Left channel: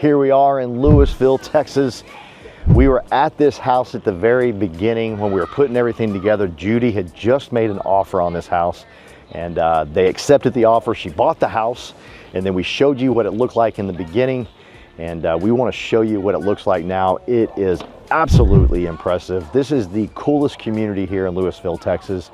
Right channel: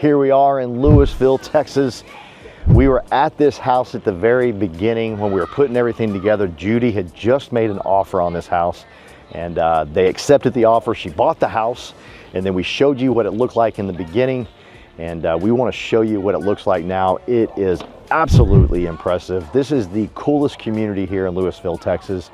Here we are in Lewisville, Texas. We were at this house at the very beginning when we were putting everything together. Judy had just made an offer on this house and they accepted the offer. She bought the house and then we showed you what it looked like in the beginning, and we want to show you what it looks like now. It is absolutely impressive. This is the coolest community here in Lewisville, Texas.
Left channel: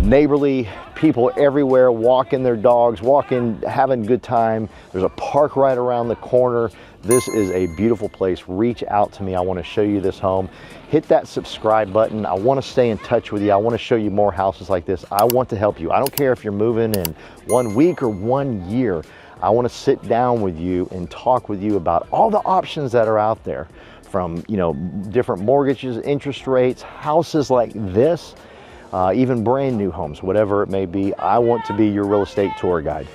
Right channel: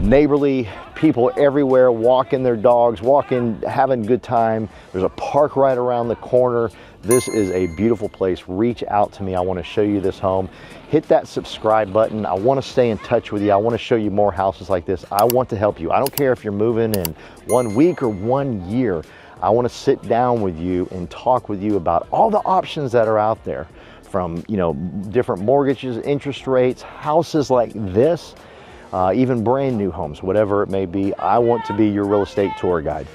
Neighborly, people everywhere, walking their dogs, walking, having a good time. There's a park right around the corner. This is a beautiful place. Reach out to me. I want to show you this home. Hit that subscribe button. I want to stay in touch with you. I want to show you more houses like this. I want to help you. I don't care if you're moving in 1 week or 1 year. I want to sit down with you and talk with you about all the options that are out there, from, you know, different mortgages, interest rates, houses like this, even brand new homes, whatever it may be. I want to be your real estate tour guide.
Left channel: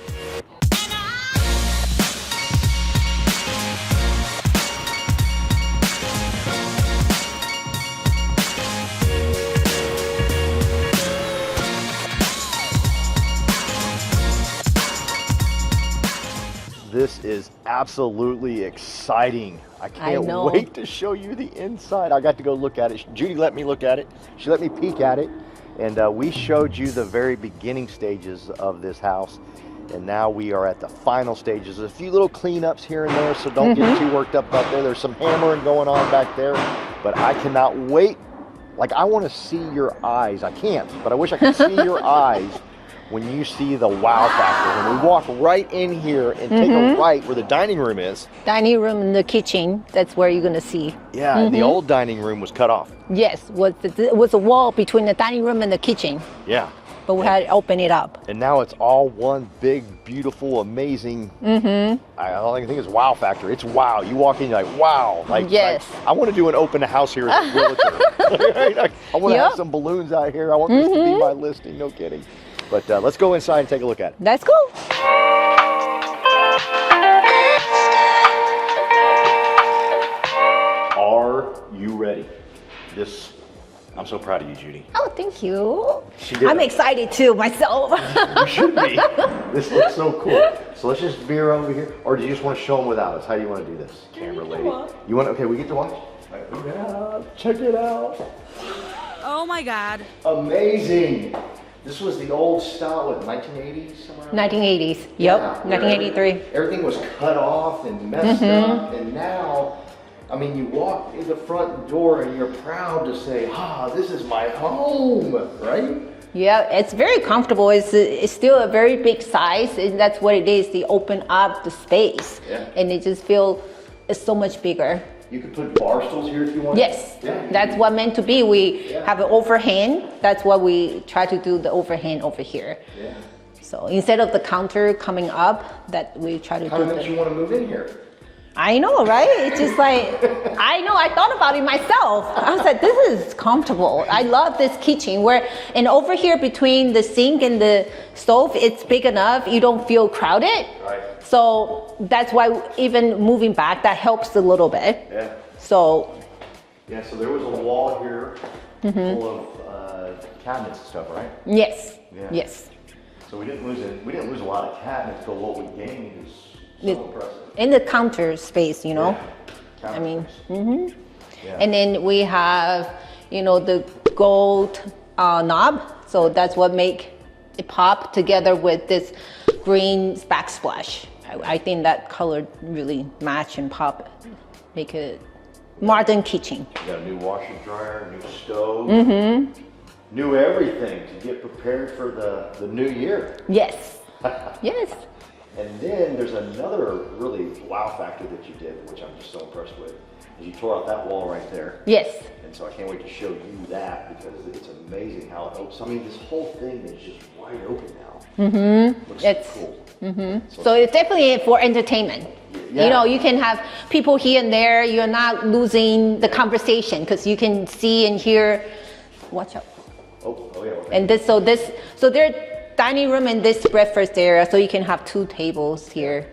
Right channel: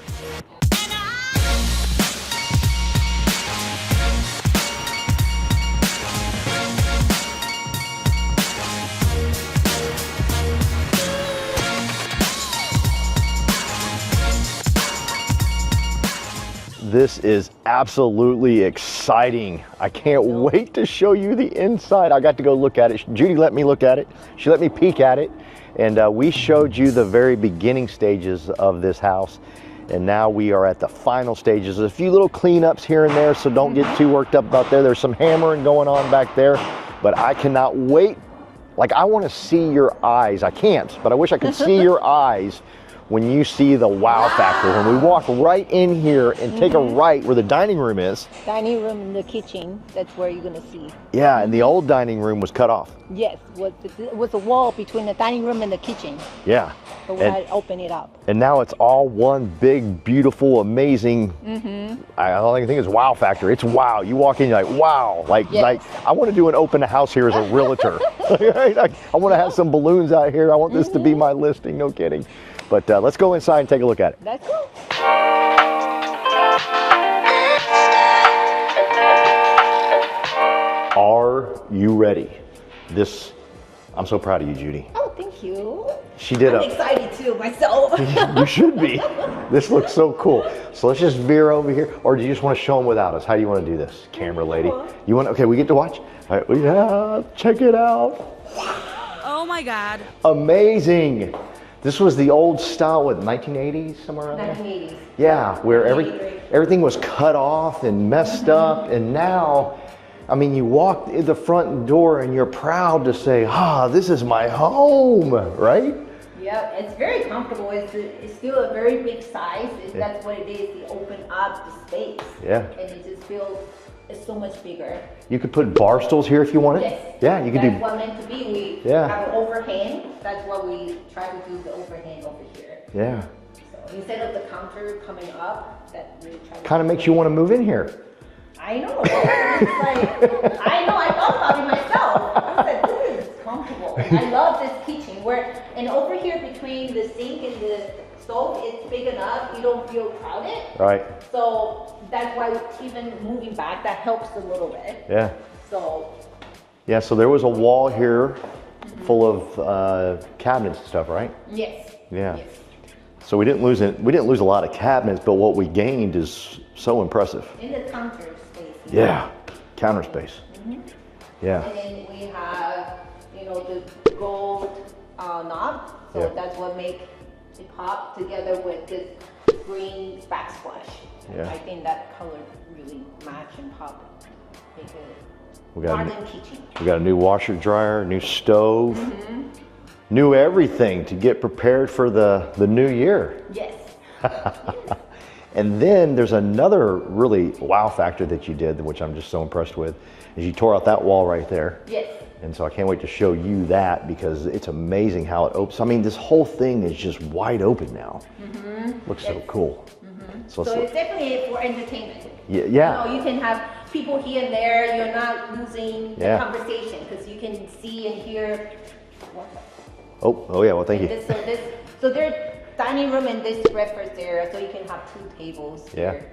This is absolutely exciting. I can't wait to show you the inside. I got to go look at it. Judy let me look at it. She let me peek at it. And we showed you the very beginning stages of this house. And now we are at the final stages. There's a few little cleanups here and there, so don't get too worked up about there. There's some hammering going on back there, but I cannot wait. Like, I want to see your eyes. I can't, but I wish I could see your eyes when you see the wow factor. When we walk right in here and take a right where the dining room is. Dining room and the kitchen, that's where you're gonna see. Yeah, and the old dining room was cut off. Yes, was a wall between the dining room and the kitchen. Yeah. But we had to open it up. And now it's all one big, beautiful, amazing, all I can think is wow factor. It's wow. You walk in, you're like, wow. Like, yes. I want to do an open house here as a realtor. I want to have some balloons out here. I want this to be my listing, no kidding. But let's go inside and take a look at it. Let's go. Are you ready? I'm so proud of you, Judy. Oh, thank you. She did. I'm excited too, myself. You should be. This looks so cool. So let's just veer over here. Or do you just want to show them without us? How do you want to do this, camera lady? You want? Okay, we get to watch? All right, yeah, check it out. Oh my God. Amazing. This was the old style, what, 1980s, somewhere around 1980s, yeah, yep, where 1983. Everything was cut off and messed up, and now, I mean, you walk in the front door and you're proud to say, this is my home, right? Yeah, it's very comfortable. It's still a very big size. That's what it is. They open up the space. Yeah. And it just feels it's so much bigger. You could put bar stools here if you want. Yes. Yeah. That's what meant to be. We have an overhang. That's what we try to do, the overhang over here. Yeah. So instead of the counter coming up, that we try to kind of makes you want to move in here. I know, right? It's just like, I know, I thought about it myself. I was like, this is comfortable. I love this kitchen and over here between the sink and the stove, it's big enough. You don't feel crowded. Right. So that's why even moving back, that helps a little bit. Yeah. So. Yeah, so there was a wall here full of cabinets and stuff, right? Yes. Yeah. Yes. So we didn't lose it. We didn't lose a lot of cabinets, but what we gained is so impressive. In the counter space, you know. Yeah, counter space. Yeah. And then we have, you know, the gold knob. So that's what make it pop together with this green backsplash. I think that color really match and pop, make it modern kitchen. We got a new washer dryer, new stove, new everything to get prepared for the new year. Yes. Yes. And then there's another really wow factor that you did, which I'm just so impressed with, is you tore out that wall right there. Yes. And so I can't wait to show you that, because it's amazing how it opens. I mean, this whole thing is just wide open now. Looks so cool. So it's definitely for entertainment. Yeah. You know, you can have people here and there. You're not losing the conversation because you can see and hear. Watch out. Oh yeah, well, thank you. So their dining room and this breakfast area, so you can have 2 tables here.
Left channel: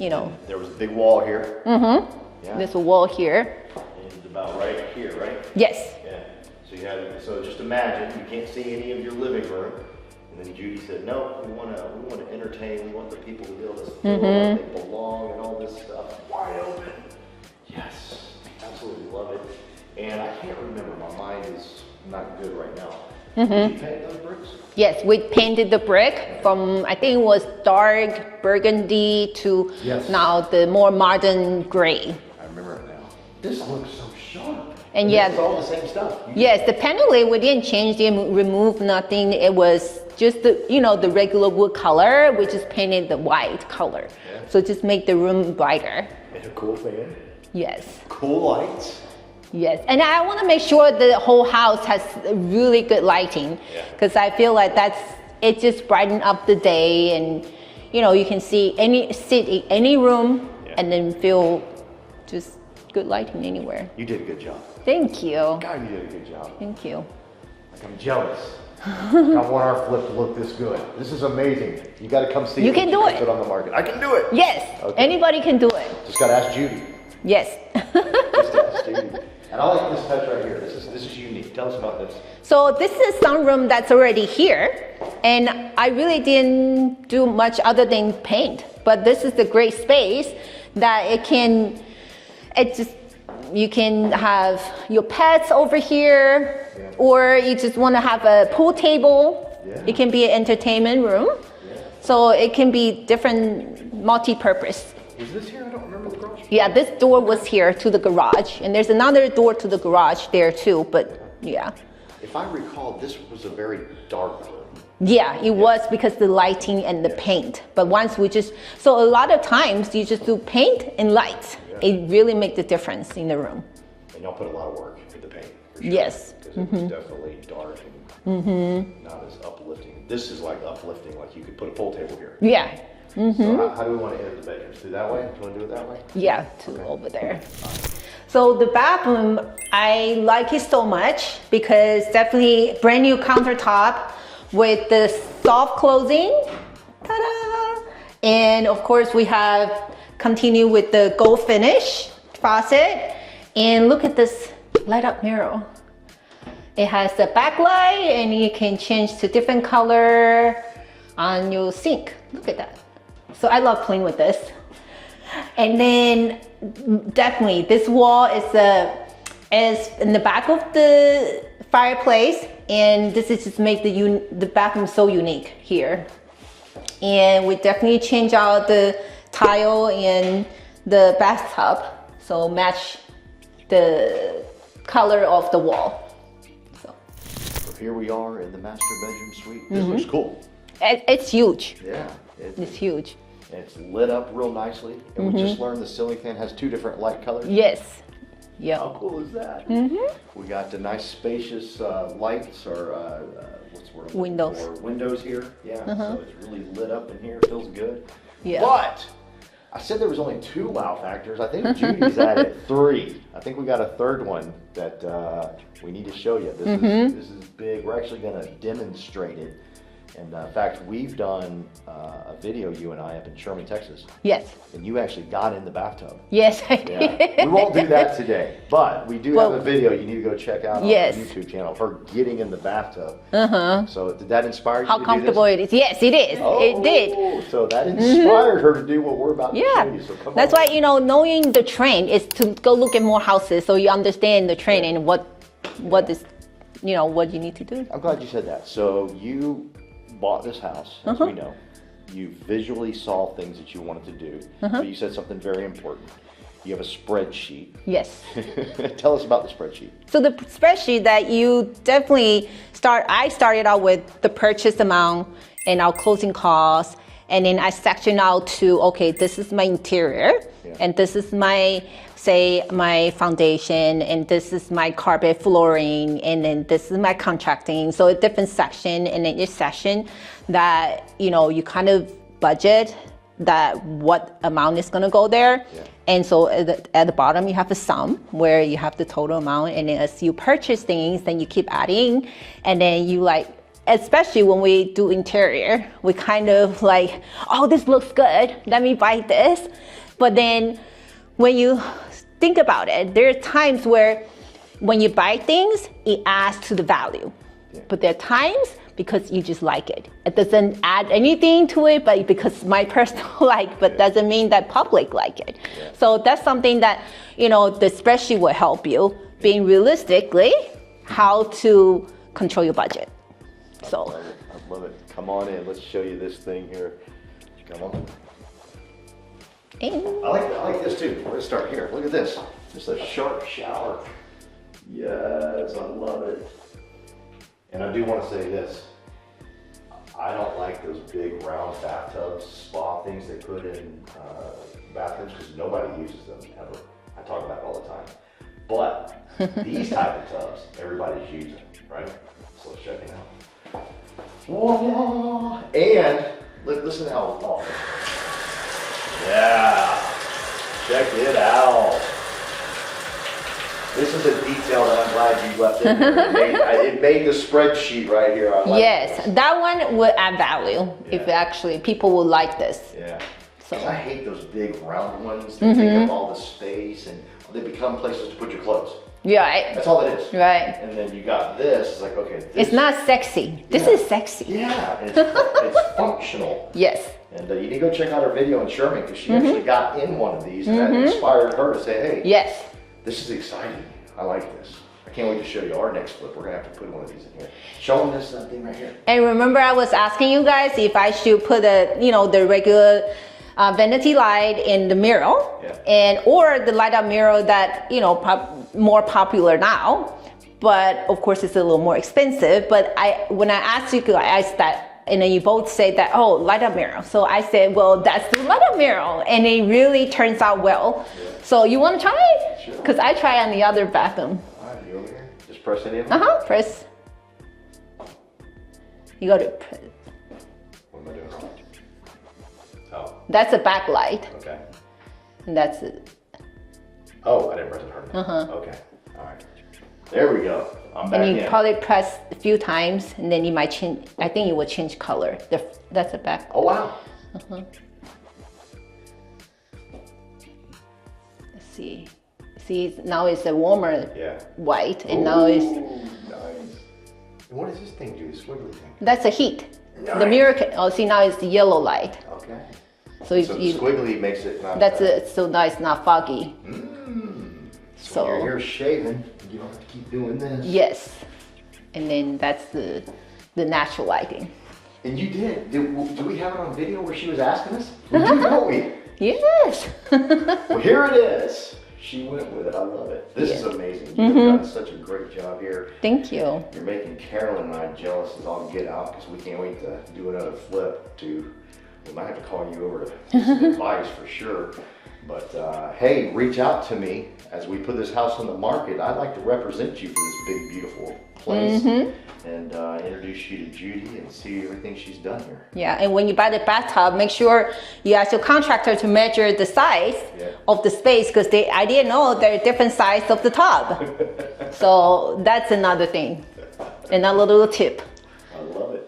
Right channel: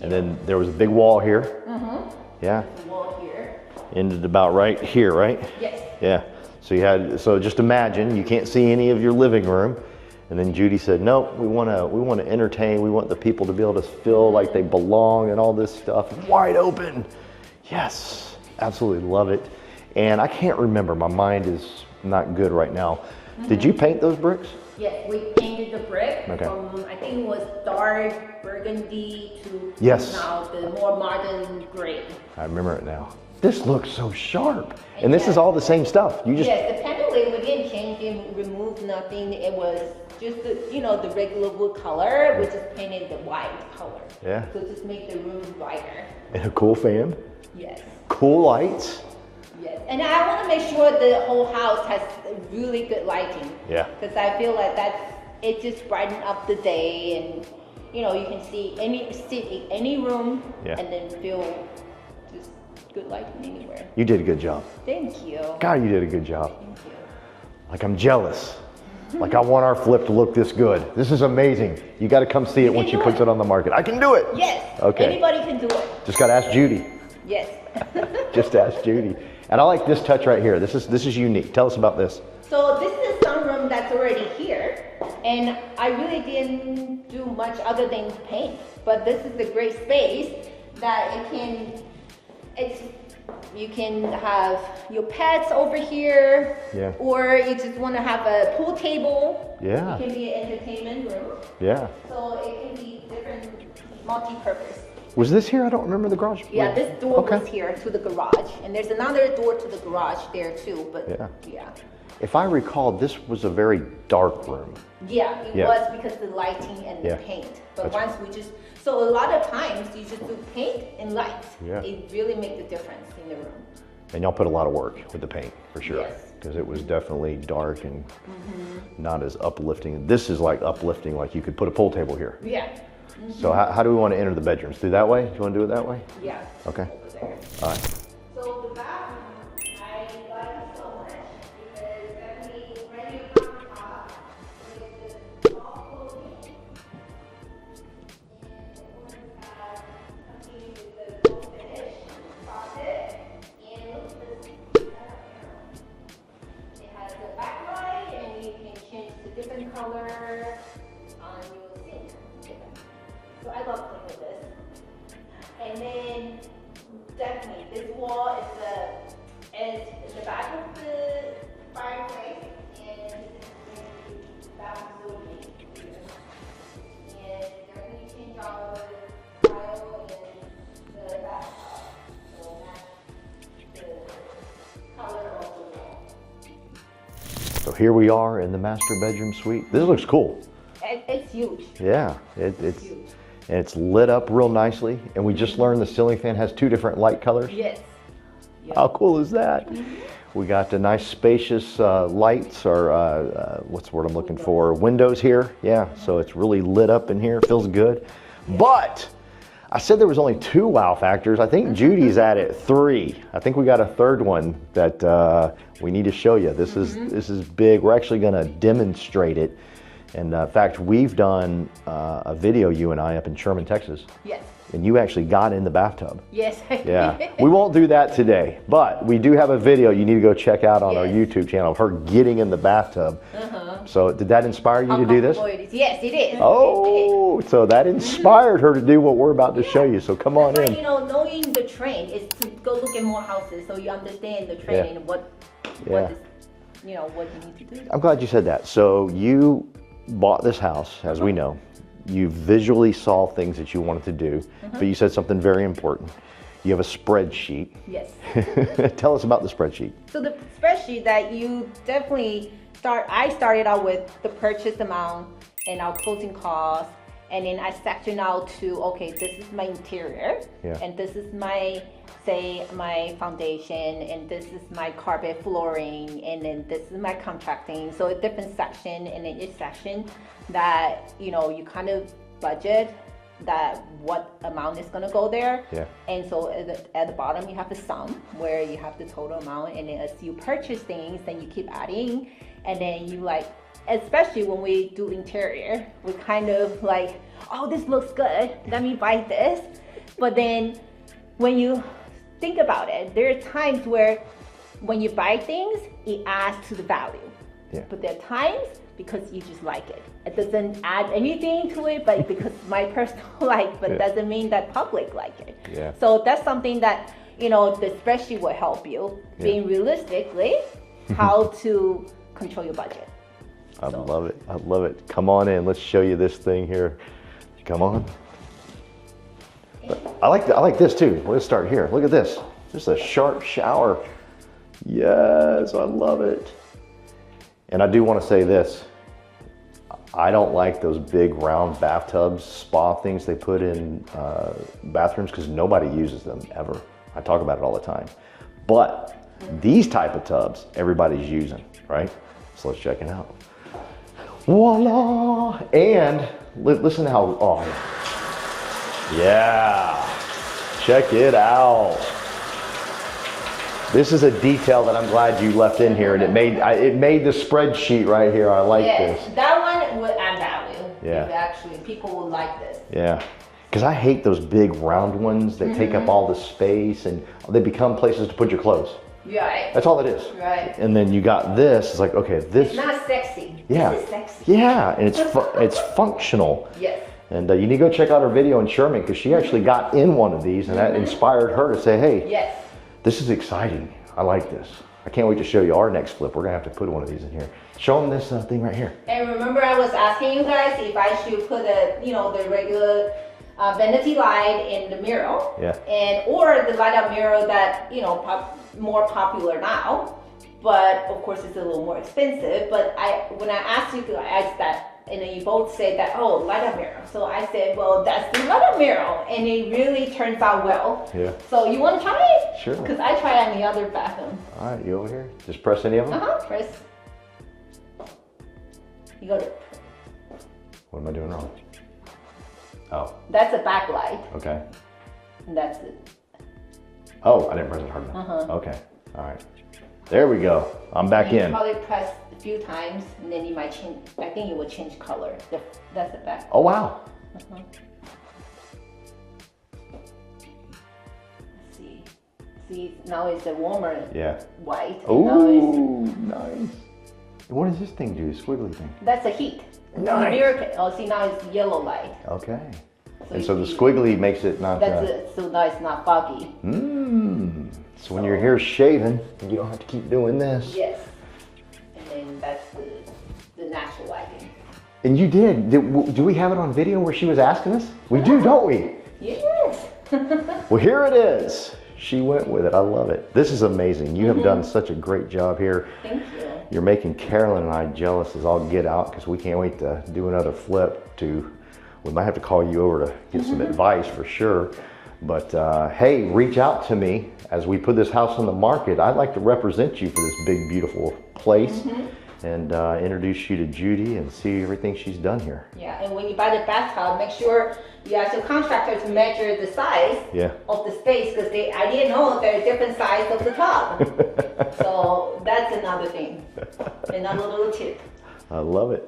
You know. And there was a big wall here. Yeah. There's a wall here. Ended about right here, right? Yes. Yeah. So just imagine, you can't see any of your living room. And then Judy said, no, we want to entertain. We want the people to be able to feel like they belong and all this stuff. Wide open. Yes, absolutely love it. And I can't remember, my mind is not good right now. Did you paint those bricks? Yes, we painted the brick from, I think it was dark burgundy to now the more modern gray. I remember it now. This looks so sharp. And this is all the same stuff. Yes, the panel, we didn't change, didn't remove nothing. It was just the, the regular wood color, we just painted the white color. Yeah. So just make the room brighter. And a cool fan. Yes. Cool lights. Yes, and I want to make sure the whole house has really good lighting. Yeah. Because I feel like it just brighten up the day, and you can sit in any room and then feel just good lighting anywhere. You did a good job. Thank you. God, you did a good job. Thank you. Like, I'm jealous. Like, I want our flip to look this good. This is amazing. You got to come see it once you put it on the market. I can do it. Yes. Okay. Anybody can do it. Just got to ask Judy. Yes. Just ask Judy. And I like this touch right here. This is unique. Tell us about this. So this is sunroom that's already here, and I really didn't do much other than paint. But this is the great space that you can have your pets over here, or you just want to have a pool table. Yeah. It can be an entertainment room. Yeah. So it can be different multi-purpose. Was this here? I don't remember the garage. Yeah, this door was here to the garage, and there's another door to the garage there too, but yeah. If I recall, this was a very dark room. Yeah, it was because the lighting and the paint. But once so a lot of times you just do paint and lights. Yeah. It really makes the difference in the room. And y'all put a lot of work with the paint, for sure. Yes. Because it was definitely dark and not as uplifting. This is like uplifting, like you could put a pool table here. Yeah. So how do we want to enter the bedrooms? Do that way? Do you want to do it that way? Yeah, over there. All right. So the bathroom, I like it so much because definitely brand new countertop with the soft closing. Ta-da! And of course we have continue with the gold finish faucet. And look at this light up mirror. It has the backlight and you can change to different color on your sink. Look at that. So I love playing with this. And then definitely this wall is in the back of the fireplace, and this is just make the bathroom so unique here. And we definitely change out the tile in the bathtub, so match the color of the wall. So here we are in the master bedroom suite. This looks cool. It's huge. Yeah, it's huge. And it's lit up real nicely. And we just learned the ceiling fan has 2 different light colors. Yes. Yeah. How cool is that? We got the nice spacious lights, or what's the word I'm looking for? Windows here. Yeah. So it's really lit up in here. Feels good. Yeah. But I said there was only 2 wow factors. I think Judy's added 3. I think we got a third one that we need to show you. This is big. We're actually going to demonstrate it. And in fact, we've done a video, you and I, up in Sherman, Texas. Yes. And you actually got in the bathtub. Yes, I did. We won't do that today, but we do have a video you need to go check out on our YouTube channel of her getting in the bathtub. So did that inspire you to do this? How comfortable it is. Yes, it is. Oh, it did. So that inspired her to do what we're about to show you. So come on. That's why, knowing the trend is to go look at more houses so you understand the trend and what is, what you need to do. I'm glad you said that. So you bought this house, as we know. You visually saw things that you wanted to do, but you said something very important. You have a spreadsheet. Yes. Tell us about the spreadsheet. So the spreadsheet that you definitely I started out with the purchase amount and our closing costs, and then I section out to, okay, this is my interior, and this is my foundation, and this is my carpet flooring, and then this is my contracting. So a different section, and then each section that, you kind of budget that what amount is going to go there. And so at the bottom you have a sum where you have the total amount, and then as you purchase things, then you keep adding, and then you especially when we do interior, we kind of like, oh, this looks good, let me buy this. But then when you think about it, there are times where when you buy things, it adds to the value. But there are times because you just like it. It doesn't add anything to it, but because my personal like, but doesn't mean that public like it. Yeah. So that's something that, you know, the spreadsheet will help you being realistically how to control your budget. I love it. I love it. Come on in. Let's show you this thing here. Come on. I like this too. Let's start here. Look at this. Just a sharp shower. Yes, I love it. And I do want to say this. I don't like those big round bathtubs, spa things they put in bathrooms because nobody uses them ever. I talk about it all the time. But these type of tubs, everybody's using, right? So let's check it out. Voila! And listen to how, oh, yeah. Check it out. This is a detail that I'm glad you left in here, and it made the spreadsheet right here. I like this. Yes, that one would add value Yeah. if actually people would like this. Yeah, because I hate those big round ones that take up all the space, and they become places to put your clothes. Right. That's all it is. Right. And then you got this. It's like, okay, this. It's not sexy. Yeah. This is sexy. Yeah, and it's functional. Yes. And you need to go check out her video on Sherman because she actually got in one of these, and that inspired her to say, hey, Yes. this is exciting. I like this. I can't wait to show you our next flip. We're gonna have to put one of these in here. Show them this thing right here. And remember, I was asking you guys if I should put the regular vanity light in the mirror, Yeah. or the light up mirror that more popular now, but of course it's a little more expensive. But when I asked you guys that, and then you both said that, oh, light up mirror. So I said, well, that's the light up mirror, and it really turns out well. Yeah. So you want to try it? Sure. Because I try on the other bathroom. All right, you over here? Just press any of them? Press. You go to. What am I doing wrong? Oh, That's a backlight, okay. and that's it. Oh, I didn't press it hard enough. Okay, all right. There we go. I'm back And you in. probably press a few times, and then you might change. I think it will change color. That's a back. Oh, wow. Let's see. See, now it's a warmer Yeah. white, and now it's. Nice. What does this thing do, the squiggly thing? That's a heat. The Nice. mirror can. Oh, see, now it's the yellow light. Okay. So, So the squiggly makes it not... That's it. So now it's not foggy. So when your hair's shaving, you don't have to keep doing this. Yes. And then that's the natural lighting. And you did. Do we have it on video where she was asking us? We do, don't we? Yes. Well, here it is. She went with it. I love it. This is amazing. You have done such a great job here. Thank you. You're making Carolyn and I jealous as all get out because we can't wait to do another flip. We might have to call you over to get some advice for sure. But hey, reach out to me as we put this house on the market. I'd like to represent you for this big, beautiful place and introduce you to Judy and see everything she's done here. Yeah, and when you buy the bathtub, make sure you ask your contractor to measure the size of the space, because I didn't know there are different sizes of the tub. So that's another thing, another little tip. I love it.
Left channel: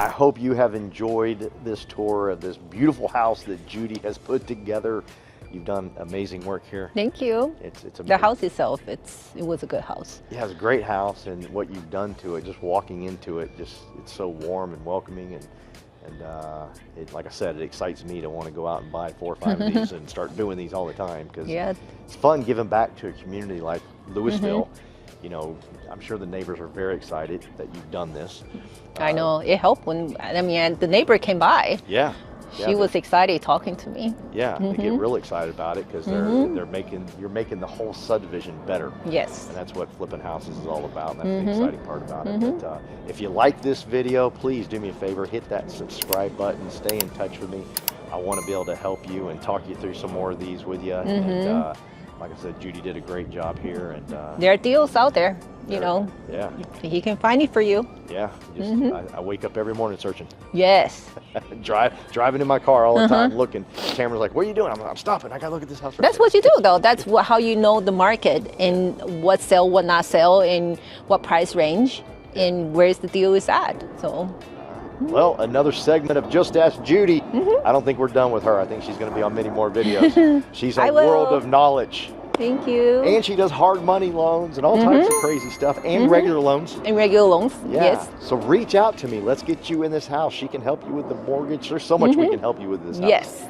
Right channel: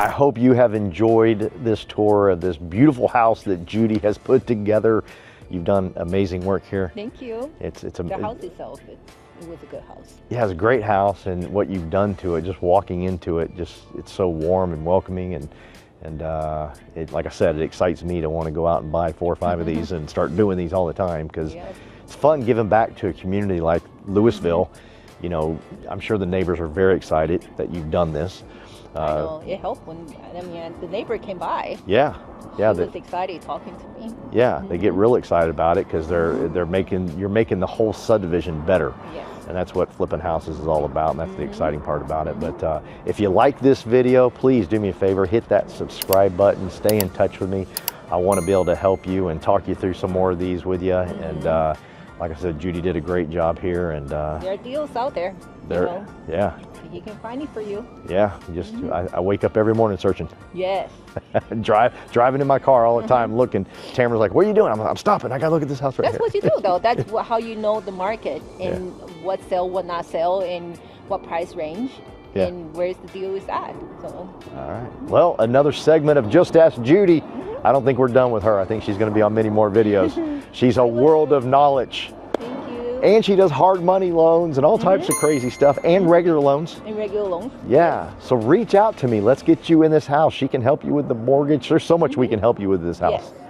I hope you have enjoyed this tour of this beautiful house that Judy has put together. You've done amazing work here. Thank you. It's The house itself, it was a good house. Yeah, it's a great house, and what you've done to it, just walking into it, it's so warm and welcoming, and like I said, it excites me to want to go out and buy 4 or 5 of these and start doing these all the time, because it's fun giving back to a community like Lewisville. You know, I'm sure the neighbors are very excited that you've done this. I know, it helped when, I mean, the neighbor came by. Yeah. She was excited talking to me. Yeah, they get real excited about it because you're making the whole subdivision better. Yes. And that's what flipping houses is all about, and that's the exciting part about it. But if you like this video, please do me a favor, hit that subscribe button, stay in touch with me. I want to be able to help you and talk you through some more of these with you. And like I said, Judy did a great job here, and there are deals out there, you know. Yeah. He can find it for you. Yeah. Just I wake up every morning searching. Yes. Driving in my car all the time, looking. Tamara's like, "What are you doing?" I'm stopping. I gotta look at this house right That's here. what you do, though. That's how you know the market and what sell, what not sell, and what price range, and where's the deal is at. So. All right. Well, another segment of Just Ask Judy. I don't think we're done with her. I think she's going to be on many more videos. She's a world of knowledge. Thank you. And she does hard money loans and all types of crazy stuff, and regular loans. And regular loans. Yeah. Yes. So reach out to me. Let's get you in this house. She can help you with the mortgage. There's so much we can help you with this house. Yes.